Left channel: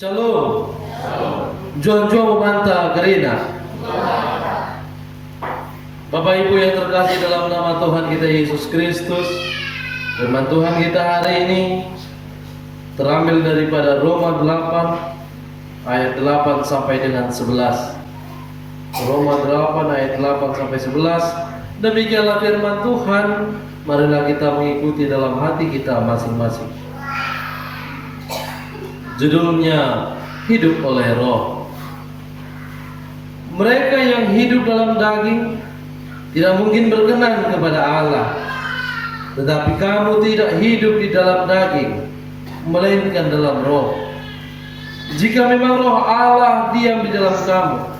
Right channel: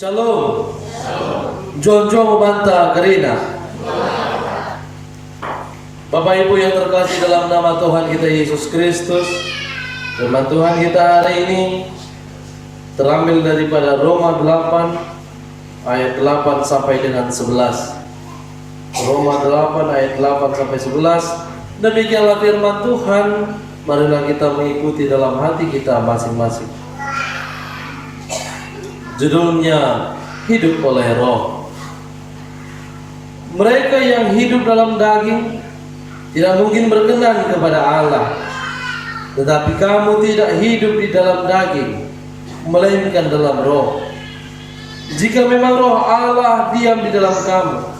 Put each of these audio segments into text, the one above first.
Shalom. Jonjo banta gerina. Bapak Ibu yang terkasih dalam nama Tuhan kita Yesus Kristus, firman Tuhan kita hari ini terambil daripada Roma 8 ayat 8 sampai dengan 11. Roma 8 ayat 8 sampai 11. Demikianlah firman Tuhan. Marilah kita mengikuti dalam hati kita masing-masing. Judulnya hidup oleh roh. Mereka yang hidup dalam daging tidak mungkin berkenan kepada Allah. Tetapi kamu tidak hidup di dalam daging, melainkan dalam roh. Jika memang roh Allah diam di dalam kamu.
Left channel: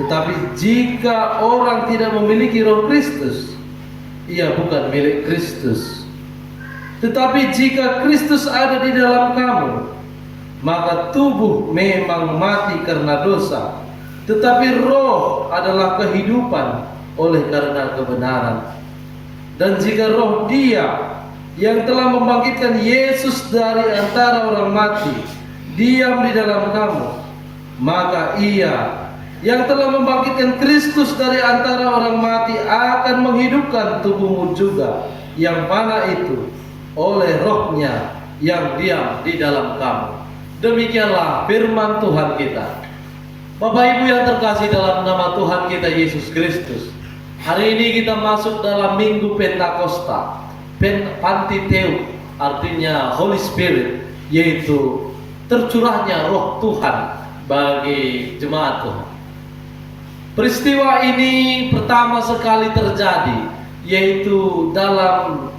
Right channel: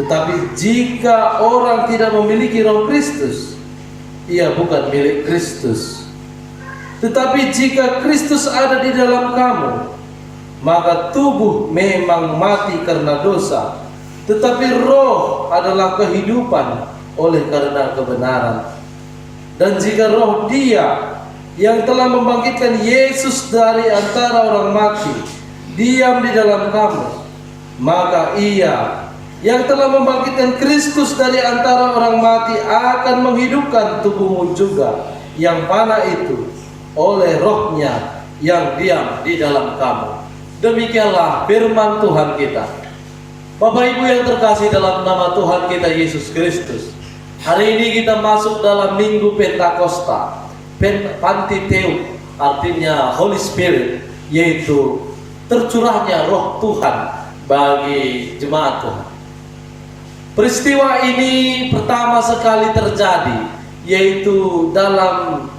Tetapi jika orang tidak memiliki roh Kristus, ia bukan milik Kristus. Tetapi jika Kristus ada di dalam kamu, maka tubuh memang mati karena dosa, tetapi roh adalah kehidupan oleh karena kebenaran. Dan jika roh Dia yang telah membangkitkan Yesus dari antara orang mati diam di dalam kamu, maka Ia yang telah membangkitkan Kristus dari antara orang mati akan menghidupkan tubuhmu juga yang fana itu oleh rohnya yang diam di dalam kamu. Demikianlah firman Tuhan kita. Bapak Ibu yang terkasih dalam nama Tuhan kita Yesus Kristus, hari ini kita masuk dalam Minggu Pentakosta, Pantiteuk, artinya Holy Spirit, yaitu tercurahnya roh Tuhan bagi jemaat Tuhan. Peristiwa ini pertama sekali terjadi, yaitu dalam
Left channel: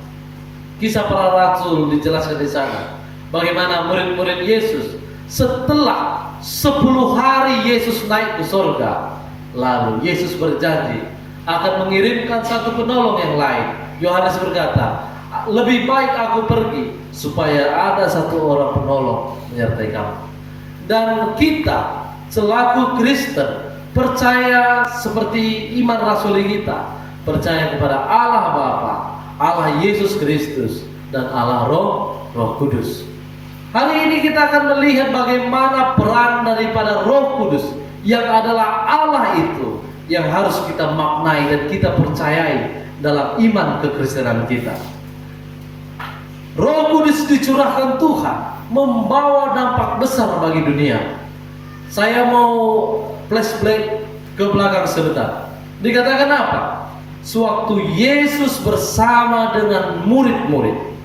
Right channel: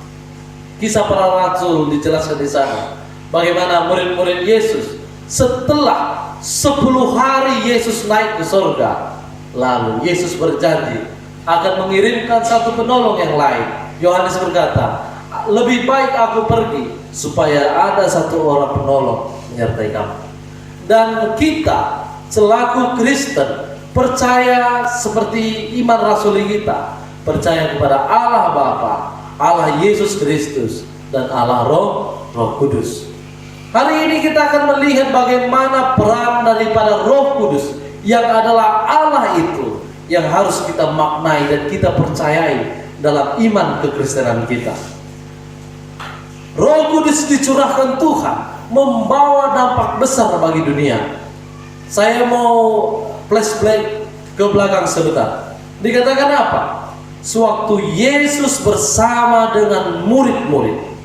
Kisah Para Rasul dijelaskan di sana. Bagaimana murid-murid Yesus setelah 10 hari Yesus naik ke surga, lalu Yesus berjanji akan mengirimkan satu penolong yang lain. Yohanes berkata, lebih baik aku pergi supaya ada satu orang penolong menyertai kamu. Dan kita selaku Kristen percaya seperti iman rasuli kita, percaya kepada Allah Bapa, Allah Yesus Kristus, dan Allah Roh Kudus. Hari ini kita akan melihat bagaimana peran daripada Roh Kudus yang adalah Allah itu yang harus kita maknai dan kita percayai dalam iman kekristenan kita. Roh Kudus dicurahkan Tuhan membawa dampak besar bagi dunia. Saya mau flashback ke belakang sebentar. Dikatakan apa? Sewaktu Yesus bersama dengan murid-murid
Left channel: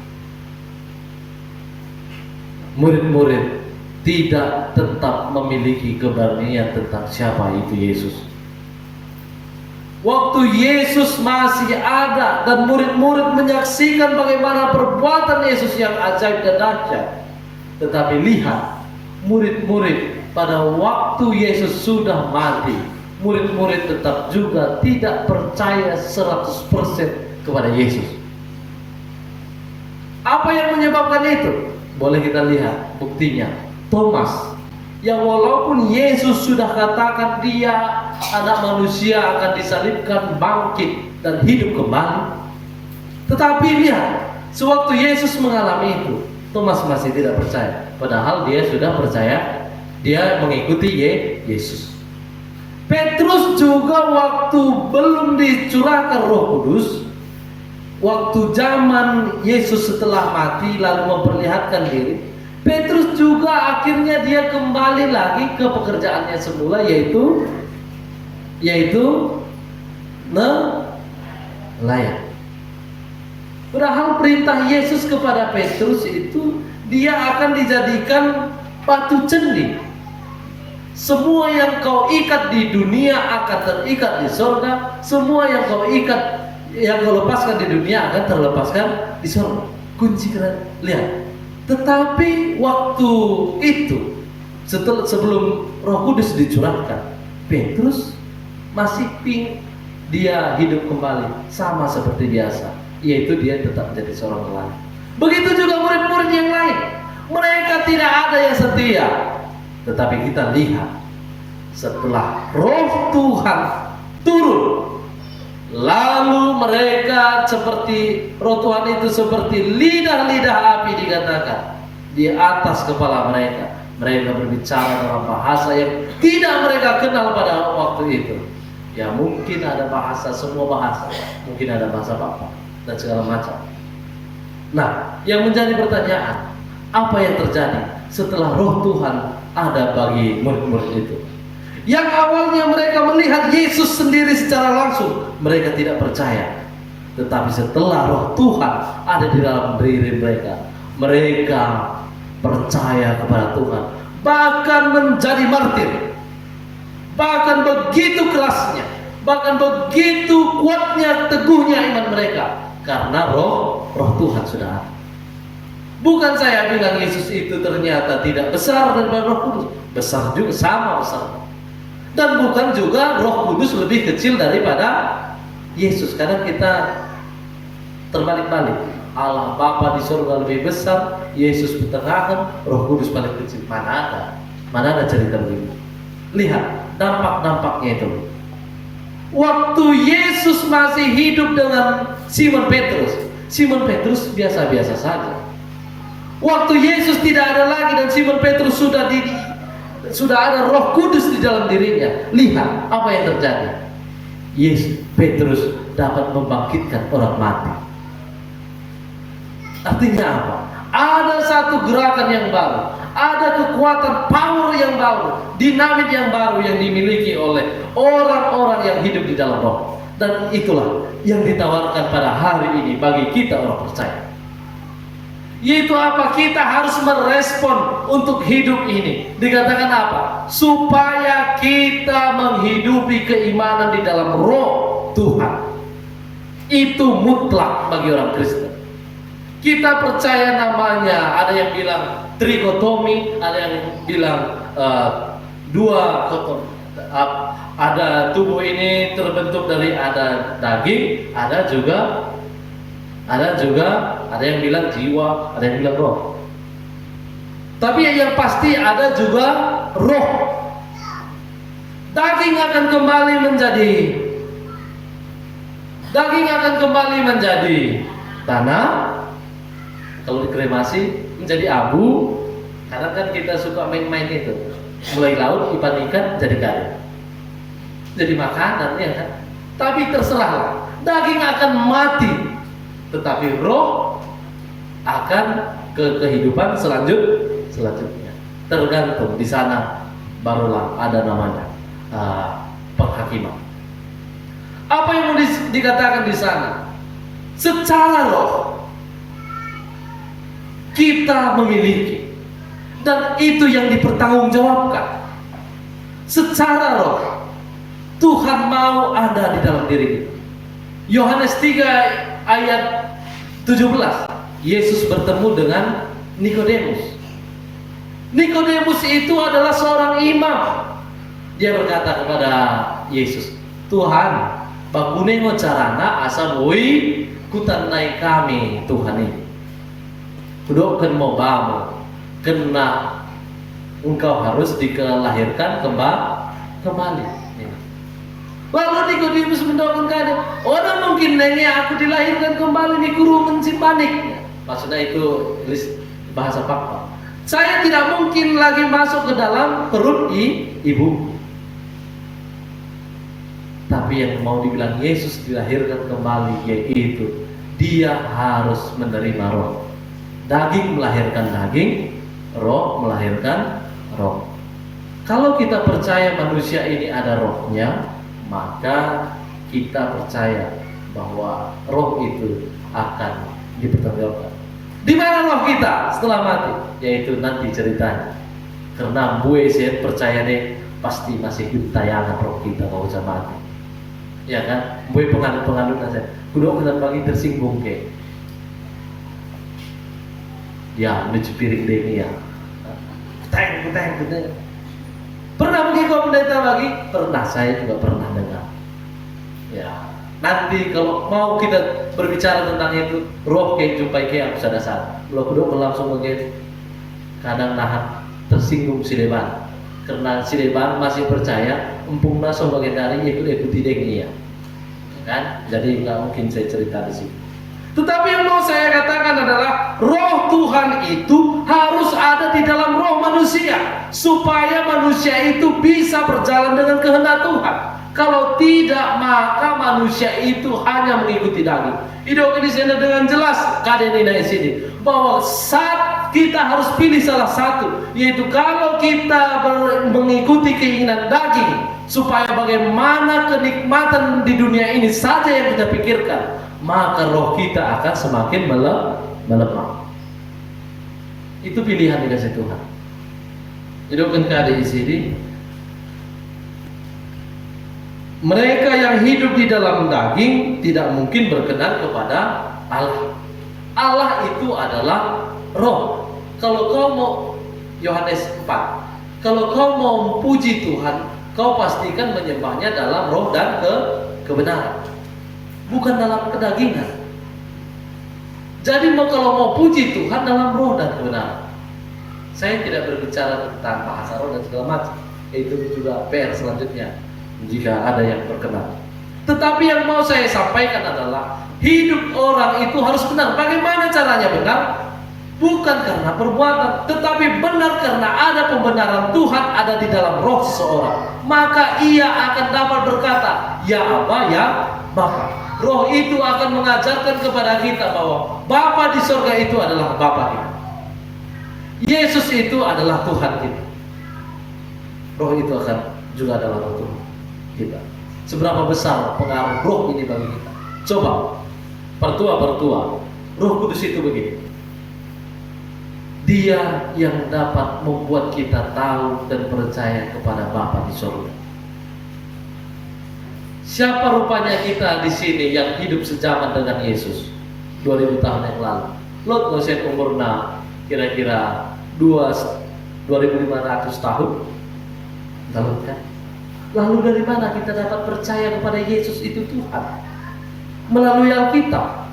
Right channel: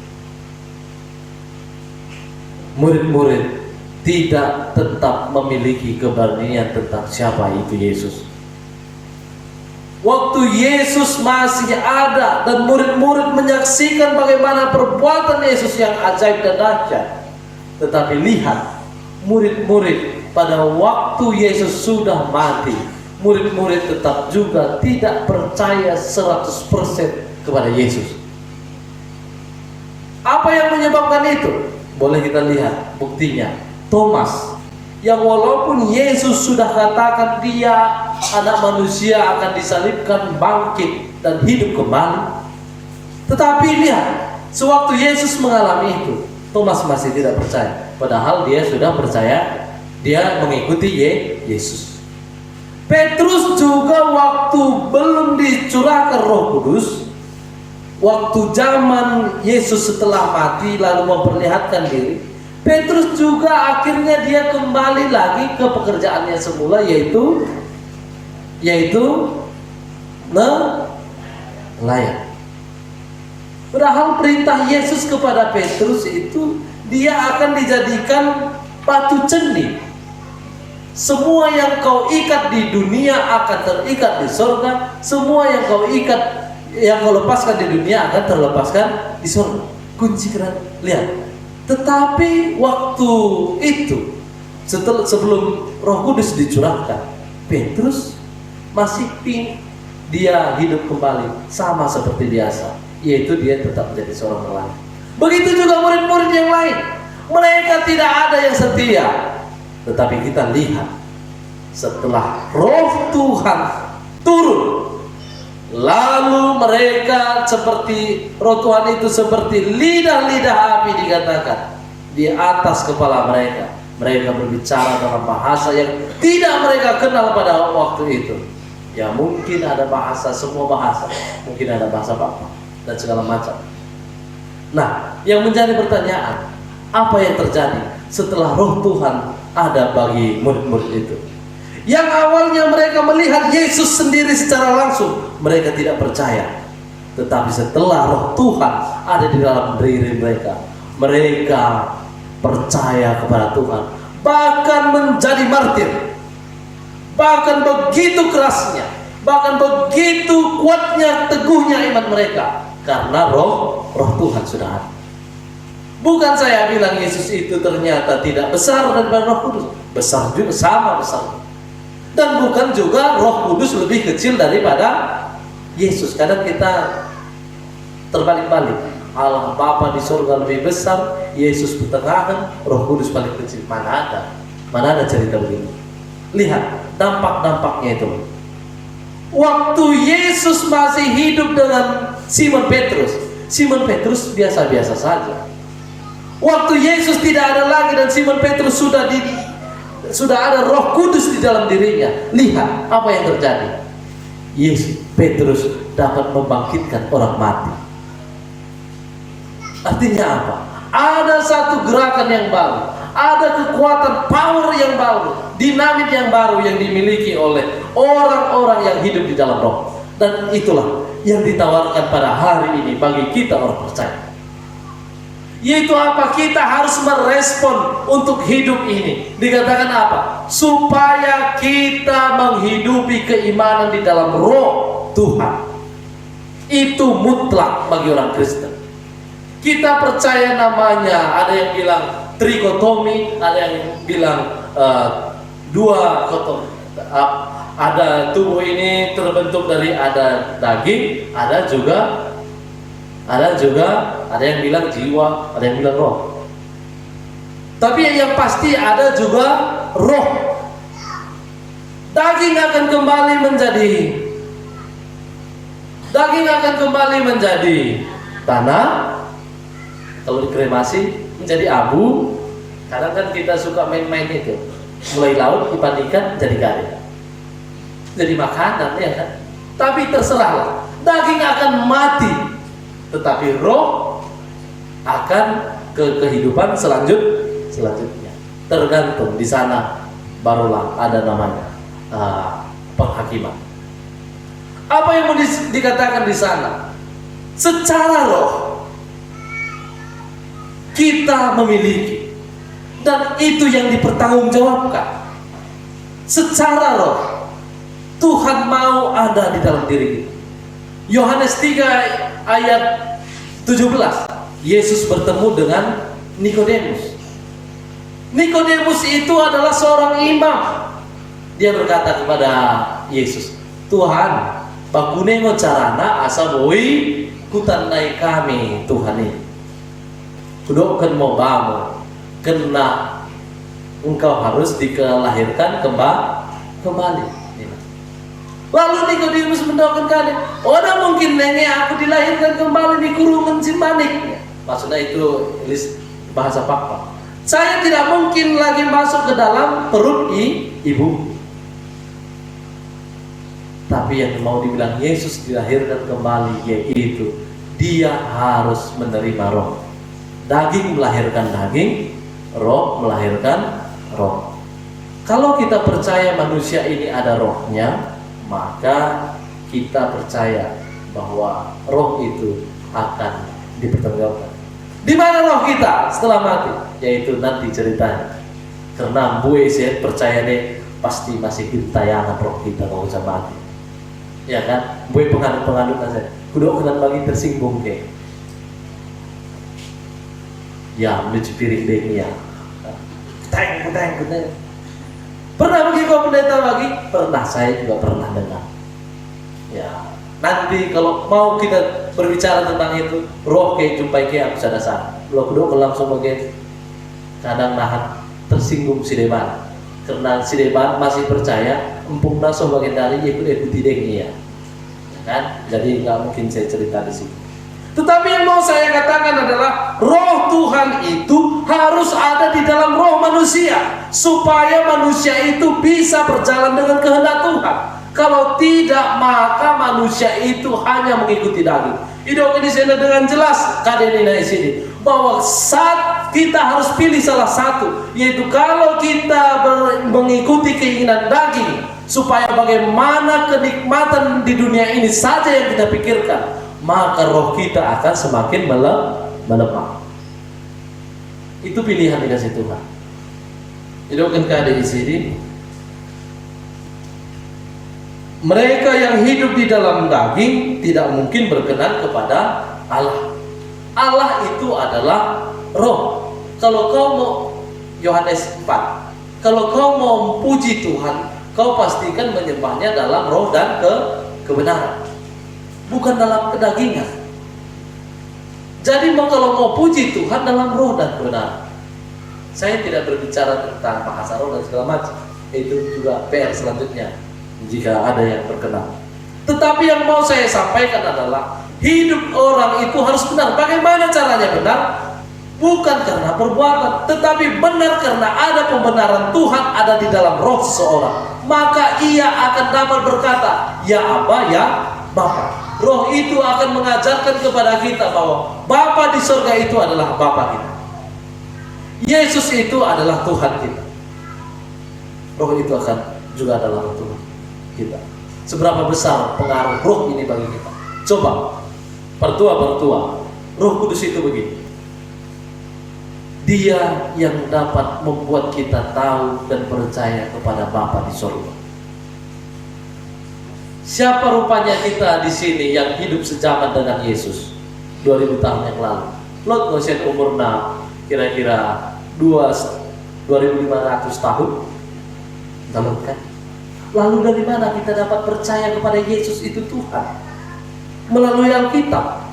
tidak tetap memiliki keberanian tentang siapa itu Yesus. Waktu Yesus masih ada dan murid-murid menyaksikan bagaimana perbuatan Yesus yang ajaib dan dahsyat. Tetapi lihat, murid-murid pada waktu Yesus sudah mati, murid-murid tetap juga tidak percaya 100% kepada Yesus. Apa yang menyebabkan itu? Boleh kita lihat buktinya. Thomas, yang walaupun Yesus sudah katakan dia anak manusia akan disalibkan, bangkit dan hidup kembali, tetapi lihat, sewaktu Yesus mengalami itu, Thomas masih tidak percaya. Padahal dia sudah percaya, dia mengikuti Yesus. Petrus juga waktu belum dicurahkan Roh Kudus, waktu zaman Yesus setelah mati lalu memperlihatkan diri, Petrus juga akhirnya dia kembali lagi ke pekerjaannya semula, yaitu nelayan. Padahal perintah Yesus kepada Petrus itu dia akan dijadikan batu cendi. Semua yang kau ikat di dunia akan terikat di surga. Semua yang kau ikat, yang kau lepaskan di dunia akan terlepaskan di surga. Kunci keren. Lihat. Tetapi waktu itu, sebelum Roh Kudus dicurahkan, Petrus masih dia hidup kembali sama seperti biasa, yaitu dia tetap menjadi seorang nelayan. Begitu juga murid-murid yang lain. Mereka tidak ada yang setia. Tetapi kita lihat, setelah Roh Tuhan turun, lalu mereka seperti Roh Tuhan itu seperti lidah-lidah api dikatakan di atas kepala mereka. Mereka berbicara dalam bahasa yang tidak mereka kenal pada waktu itu. Ya mungkin ada bahasa, semua bahasa, mungkin ada bahasa Bapa dan segala macam. Nah, yang menjadi pertanyaan, apa yang terjadi setelah Roh Tuhan ada bagi murid-murid itu? Yang awalnya mereka melihat Yesus sendiri secara langsung, mereka tidak percaya. Tetapi setelah Roh Tuhan ada di dalam diri mereka, mereka percaya kepada Tuhan, bahkan menjadi martir. Bahkan begitu kerasnya, bahkan begitu kuatnya, teguhnya iman mereka, karena roh Tuhan sudah ada. Bukan saya bilang Yesus itu ternyata tidak besar daripada Roh Kudus, besar juga, sama besar. Dan bukan juga Roh Kudus lebih kecil daripada Yesus. Kadang kita terbalik-balik. Allah Bapa di surga lebih besar, Yesus pertengahan, Roh Kudus paling kecil. Mana ada cerita begitu? Lihat dampak-dampaknya itu. Waktu Yesus masih hidup dengan Simon Petrus biasa-biasa saja. Waktu Yesus tidak ada lagi dan Simon Petrus sudah ada Roh Kudus di dalam dirinya. Lihat apa yang terjadi. Petrus dapat membangkitkan orang mati. Artinya apa? Ada satu gerakan yang baru, ada kekuatan power yang baru, dinamit yang baru yang dimiliki oleh orang-orang yang hidup di dalam Roh. Dan itulah yang ditawarkan pada hari ini bagi kita orang percaya. Yaitu apa? Kita harus merespon untuk hidup ini. Dikatakan apa? Supaya kita menghidupi keimanan di dalam Roh Tuhan. Itu mutlak bagi orang Kristen. Kita percaya namanya, ada yang bilang trigotomi, ada yang bilang dua kotomi. Ada tubuh ini terbentuk dari ada daging, ada yang bilang jiwa, ada yang bilang roh. Tapi yang pasti ada juga roh. Daging akan kembali menjadi tanah. Kalau dikremasi menjadi abu. Kadang kan kita suka main-main itu. Mulai laut ikan jadi garing, jadi makanan, ya kan? Tapi terserahlah. Daging akan mati, tetapi roh akan ke kehidupan selanjutnya. Tergantung di sana barulah ada namanya penghakiman. Apa yang mau dikatakan di sana? Secara roh kita memiliki, dan itu yang dipertanggungjawabkan. Secara roh Tuhan mau ada di dalam diri kita. Yohanes 3 ayat 17, Yesus bertemu dengan Nikodemus. Nikodemus itu adalah seorang imam. Dia berkata kepada Yesus, Tuhan, bakunengo carana asa boi kutanai kami Tuhan ini. Kudokkan mau bamo, kena engkau harus dilahirkan kembali. Lalu Nikodemus mendoakan kali, ada mungkin nenge aku dilahirkan kembali di kurungan simbanik. Maksudnya itu bahasa Papa. Saya tidak mungkin lagi masuk ke dalam perut ibu. Tapi yang mau dibilang Yesus dilahirkan kembali yaitu dia harus menerima roh. Daging melahirkan daging, roh melahirkan roh. Kalau kita percaya manusia ini ada rohnya, maka kita percaya bahwa roh itu akan dipertanggungjawabkan. Di mana roh kita setelah mati? Yaitu nanti ceritanya. Karena gue saya percaya deh pasti masih tayangan roh kita kalau bisa mati. Ya kan? Gue penganut aja. Kudu kena bagi tersinggung deh. Ya, mencuci piring deh ya. Teng. Pernah mungkin kau pendeta bagi? Pernah, saya juga pernah dengar. Ya, nanti kalau mau kita berbicara tentang itu, roh kayak jumpai kayak bisa dasar. Kalau kedua langsung bagian kadang nahan tersinggung si depan, karena si depan masih percaya empung naso bagian dari ikuti deh ya. Kan? Jadi nggak mungkin saya cerita di sini. Tetapi yang mau saya katakan adalah roh Tuhan itu harus ada di dalam roh manusia. supaya manusia itu bisa berjalan dengan kehendak Tuhan. Kalau tidak, maka manusia itu hanya mengikuti daging. Hidup ini saya dengan jelas kadang ini sini bahwa saat kita harus pilih salah satu, yaitu kalau kita mengikuti keinginan daging, supaya bagaimana kenikmatan di dunia ini saja yang kita pikirkan, maka roh kita akan semakin melemah. Itu pilihan dikasih Tuhan. Hidupkan keadaan di sini. Mereka yang hidup di dalam daging tidak mungkin berkenan kepada Allah. Allah itu adalah roh. Kalau kau mau, Yohanes 4, kalau kau mau memuji Tuhan, kau pastikan menyembahnya dalam roh dan kebenaran, bukan dalam kedagingan. Jadi kalau mau puji Tuhan dalam roh dan kebenaran. Saya tidak berbicara tentang bahasa roh dan segala macam. Itu juga PR selanjutnya jika ada yang berkenan. Tetapi yang mau saya sampaikan adalah hidup orang itu harus benar. Bagaimana caranya benar? Bukan karena perbuatan, tetapi benar karena ada pembenaran Tuhan ada di dalam roh seseorang. Maka ia akan dapat berkata, ya Aba, ya Bapa. Roh itu akan mengajarkan kepada kita bahwa Bapa di surga itu adalah Bapa kita. Yesus itu adalah Tuhan kita. Roh itu akan juga adalah Tuhan kita. Seberapa besar pengaruh roh ini bagi kita? Coba pertua, Roh Kudus itu begini. Dia yang dapat membuat kita tahu dan percaya kepada Bapa di surga. Siapa rupanya kita di sini yang hidup sejaman dengan Yesus 2000 tahun yang lalu? Lot masih umurnya kira-kira 2.500 tahun. Lalu kan? Lalu dari mana kita dapat percaya kepada Yesus itu Tuhan? Melalui Alkitab.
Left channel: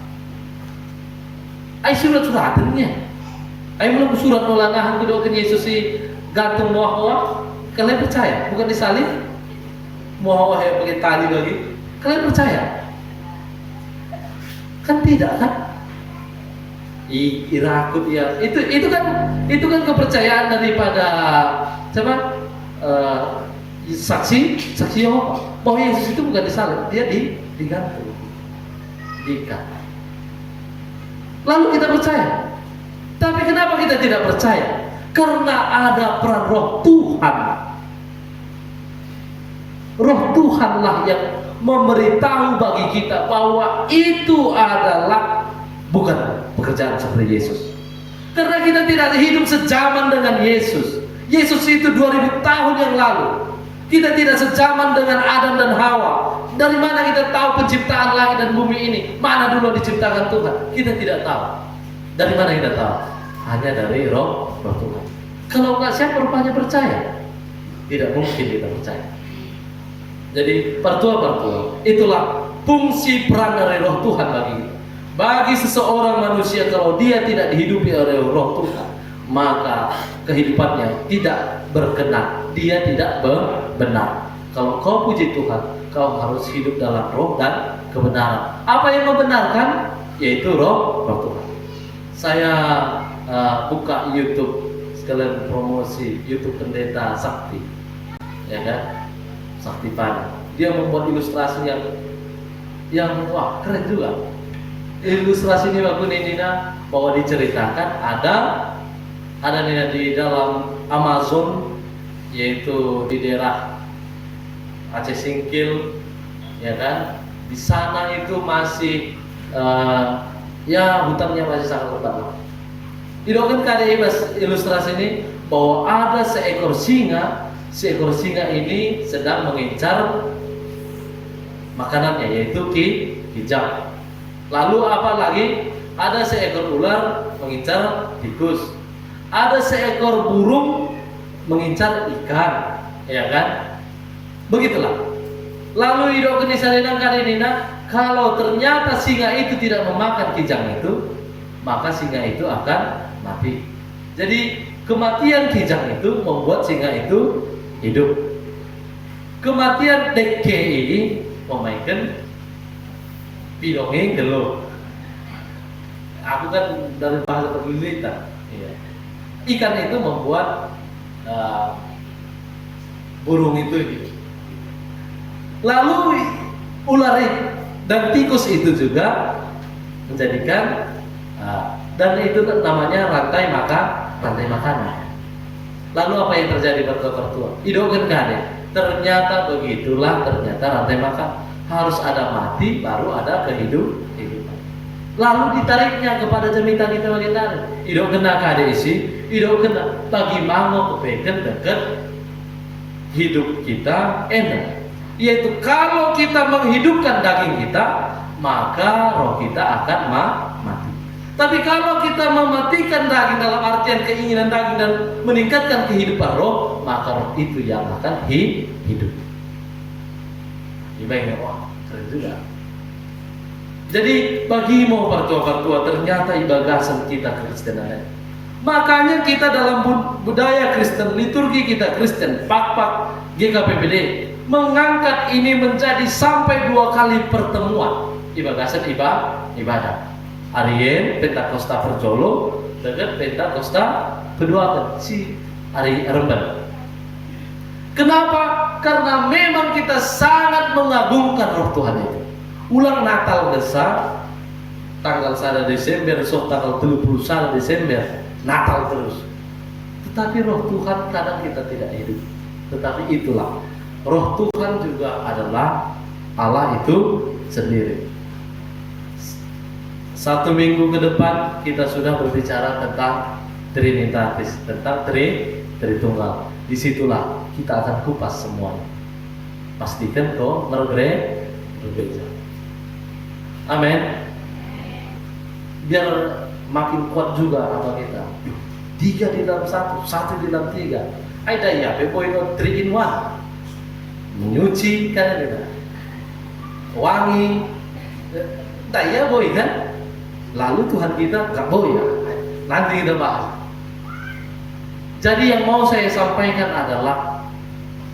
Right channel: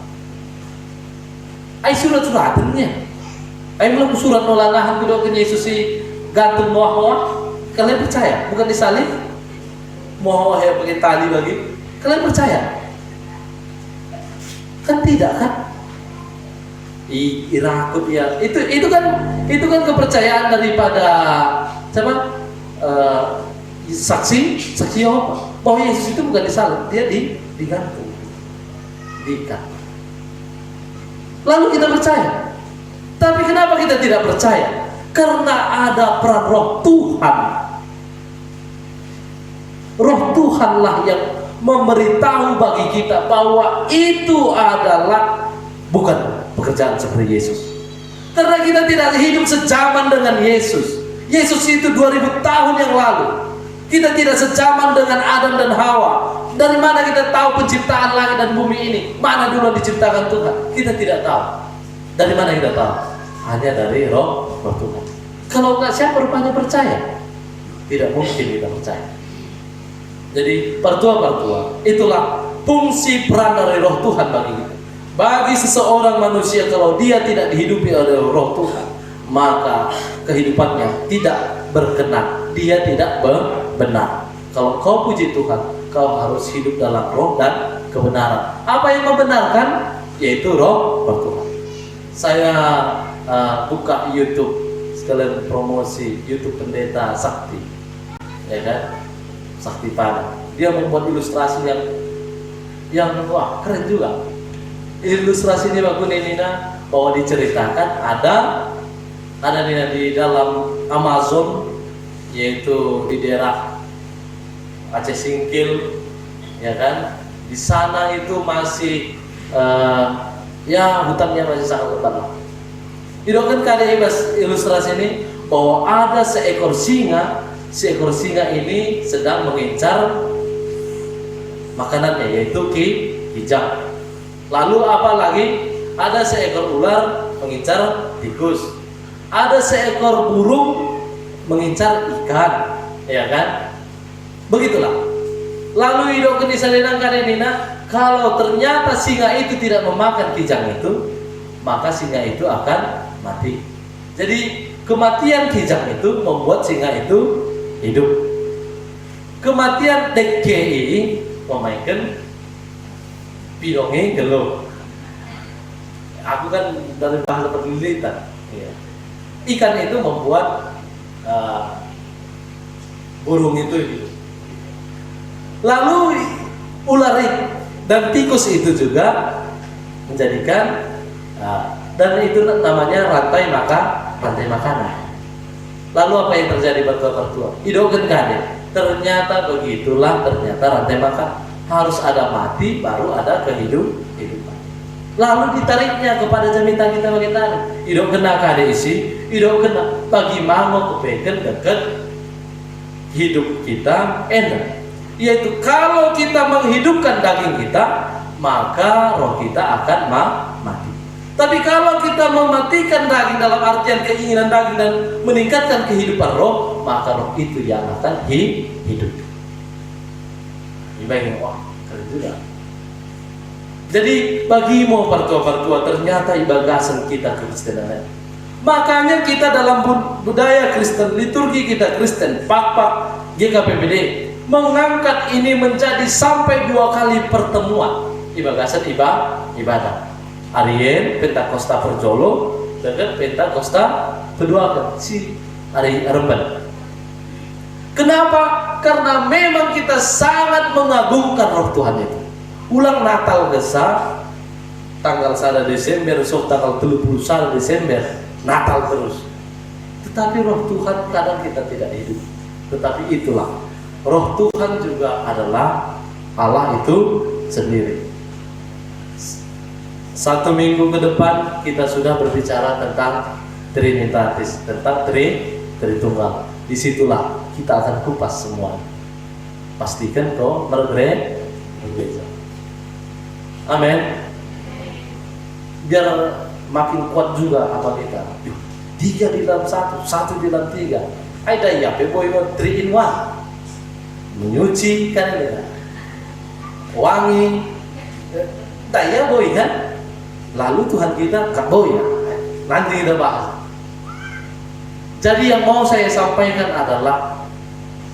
Ay surat-surat hadirnya. Ay belum surat nolanahan kudokin Yesus si gantung moa-moa. Kalian percaya? Bukan disalib? Moa yang pakai tali bagi. Kalian percaya? Kan tidak kan? Irakut ya. Itu kan kepercayaan daripada siapa? Saksi Yehova bahwa Yesus itu bukan disalib, dia digantung, diikat. Lalu kita percaya. Tapi kenapa kita tidak percaya? Karena ada peran roh Tuhan. Roh Tuhanlah yang memberitahu bagi kita bahwa itu adalah bukan pekerjaan seperti Yesus. Karena kita tidak hidup sejaman dengan Yesus. Yesus itu 2000 tahun yang lalu. Kita tidak sejaman dengan Adam dan Hawa. Dari mana kita tahu penciptaan langit dan bumi ini? Mana dulu diciptakan Tuhan? Kita tidak tahu. Dari mana kita tahu? Hanya dari roh Tuhan. Kalau enggak, siapa rupanya percaya? Tidak mungkin kita percaya. Jadi pertua, itulah fungsi peran dari roh Tuhan bagi kita. Bagi seseorang manusia, kalau dia tidak dihidupi oleh roh Tuhan, maka kehidupannya tidak berkenan, dia tidak benar. Kalau kau puji Tuhan, kau harus hidup dalam roh dan kebenaran. Apa yang membenarkan? Yaitu roh Tuhan. Saya buka YouTube, sekalian promosi YouTube Pendeta Sakti, ya kan? Sakti Pada. Dia membuat ilustrasi yang wah keren juga. Ilustrasi ini bagus Nina, bahwa diceritakan ada Nina di dalam Amazon, yaitu di daerah Aceh Singkil, ya kan? Di sana itu masih ya hutannya masih sangat lebat lah. Didoakan kali ilustrasi ini bahwa ada seekor singa ini sedang mengincar makanannya, yaitu kijang. Lalu apa lagi? Ada seekor ular mengincar tikus. Ada seekor burung mengincar ikan, ya kan? Begitulah. Lalu hidup keniscayaan kali ini, kalau ternyata singa itu tidak memakan kijang itu, maka singa itu akan mati. Jadi kematian kijang itu membuat singa itu hidup. Kematian DKI memainkan pidongeng gelo. Aku kan dari bahasa penelitian. Ikan itu membuat burung itu hidup. Lalu ular dan tikus itu juga menjadikan dan itu namanya rantai makanan. Lalu apa yang terjadi bertua-bertua? Idogen kade. Ternyata begitulah, ternyata rantai makan. Harus ada mati baru ada kehidupan. Lalu ditariknya kepada jamitan kita bagi tarik. Idogen kade isi, idogen bagi mango kepeken dekat hidup kita enak. Yaitu kalau kita menghidupkan daging kita, maka roh kita akan mati. Tapi kalau kita mematikan daging dalam artian keinginan daging dan meningkatkan kehidupan roh, maka roh itu yang akan hidup. Ibaratnya wah, keren juga. Jadi bagimu pertua-pertua ternyata ibagasan kita Kristenan. Makanya kita dalam budaya Kristen, liturgi kita Kristen, pak GKPBD mengangkat ini menjadi sampai 2 kali pertemuan ibagasan ibadah. Arien Pentakosta Perjolo dengan Pentakosta kedua si Ari Remben. Kenapa? Karena memang kita sangat mengagungkan roh Tuhan itu. Ulang Natal besar tanggal 1 Desember, so tanggal 31 Desember Natal terus. Tetapi roh Tuhan kadang kita tidak hidup. Tetapi itulah roh Tuhan juga adalah Allah itu sendiri. 1 minggu ke depan kita sudah berbicara tentang Trinitatis, tentang Tritunggal. Disitulah kita akan kupas semua. Pastikan kau berbeda. Amin. Biar makin kuat juga apa kita. 3 di dalam 1, 1 di dalam 3. Ada ya, boy 3 in 1. Menyuci kan ya. Wangi. Daya boy kan. Lalu Tuhan kita boy. Nanti kita bahas. Jadi yang mau saya sampaikan adalah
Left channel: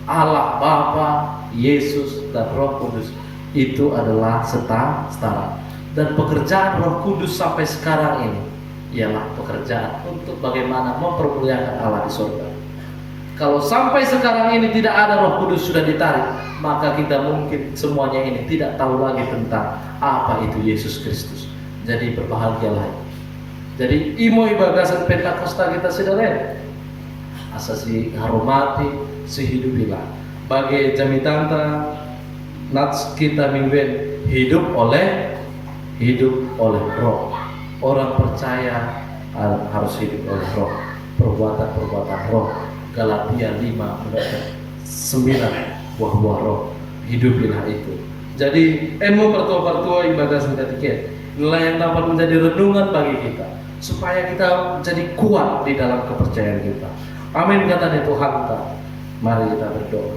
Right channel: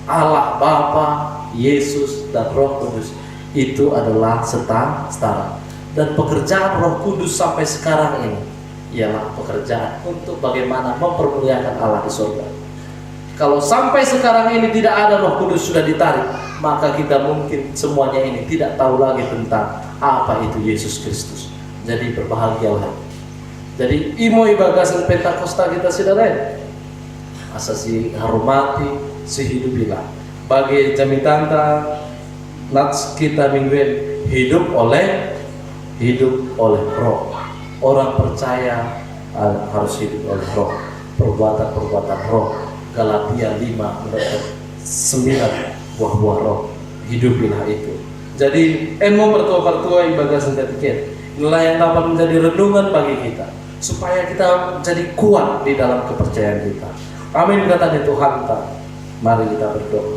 Allah Bapa, Yesus dan Roh Kudus itu adalah setara. Dan pekerjaan Roh Kudus sampai sekarang ini ialah pekerjaan untuk bagaimana mempermuliakan Allah di surga. Kalau sampai sekarang ini tidak ada Roh Kudus sudah ditarik, maka kita mungkin semuanya ini tidak tahu lagi tentang apa itu Yesus Kristus. Jadi berbahagialah. Jadi imo ibagasan Pentakosta kita sudah lain. Asa si hormati, si hidupilah. Bagi jamitanta nats kita mingguan hidup oleh roh. Orang percaya harus hidup oleh roh. Perbuatan roh. Galatia 5 menurut 9 buah-buah roh. Hidupilah itu. Jadi emo pertua-pertua ibagasan ketiket. Nilai yang dapat menjadi renungan bagi kita supaya kita menjadi kuat di dalam kepercayaan kita. Amin kata Tuhan kita. Mari kita berdoa.